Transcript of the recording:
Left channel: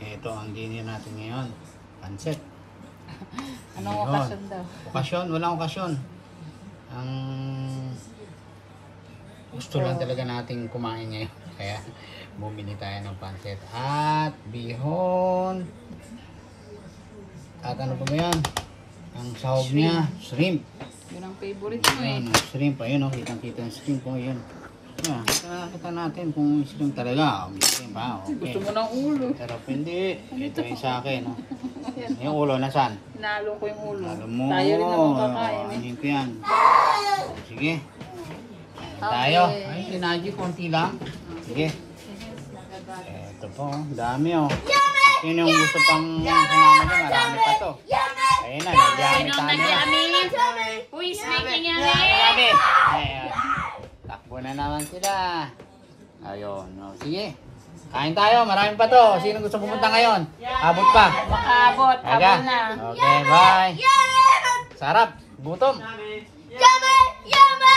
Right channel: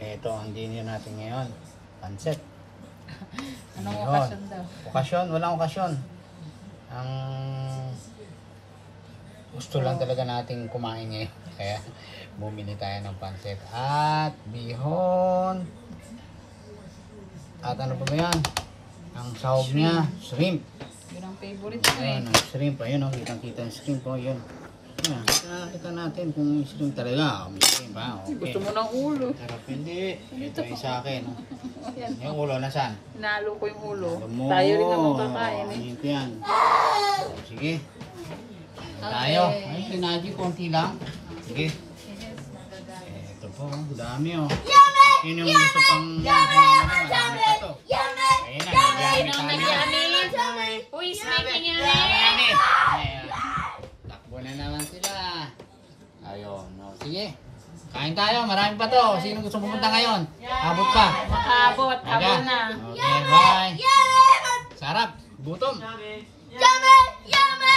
Ito ang dinner natin ngayon. Pancit. Anong okasyon daw? Okasyon? Walang okasyon. Ang gusto lang talaga nating kumain ngayon. Kaya bumili tayo ng pancit. At bihon. At ano pa ba yan? Ang sahog niya, shrimp. Yun ang favorite mo eh. Ayan, shrimp. Ayun o, kitang-kita yung shrimp o. Yun. Kita natin kung shrimp talaga. May shrimp ha. Okay. Gusto mo ng ulo. Sarap hindi. Ito ay sa akin. Oh. Yung ulo nasaan? Hinalo ko yung ulo. Halo mo. Tayo rin naman kakain eh. Ayun ko yan. Sige. Ayan tayo. Ay, sinaji konti lang. Sige. Ito po. Dami oh. Sino yung gusto pang sumama na? Marami pa to. Ayun na. Nagamit tayo na. Who is making yummy? Yummy. Ayun. Takbo na naman sila. Ayun. No. Sige. Kain tayo. Marami pa to. Sino gusto pumunta ngayon? Abot pa. Makaabot. Abot na. Okay, bye. Sarap. Gutom. Yummy! Yummy!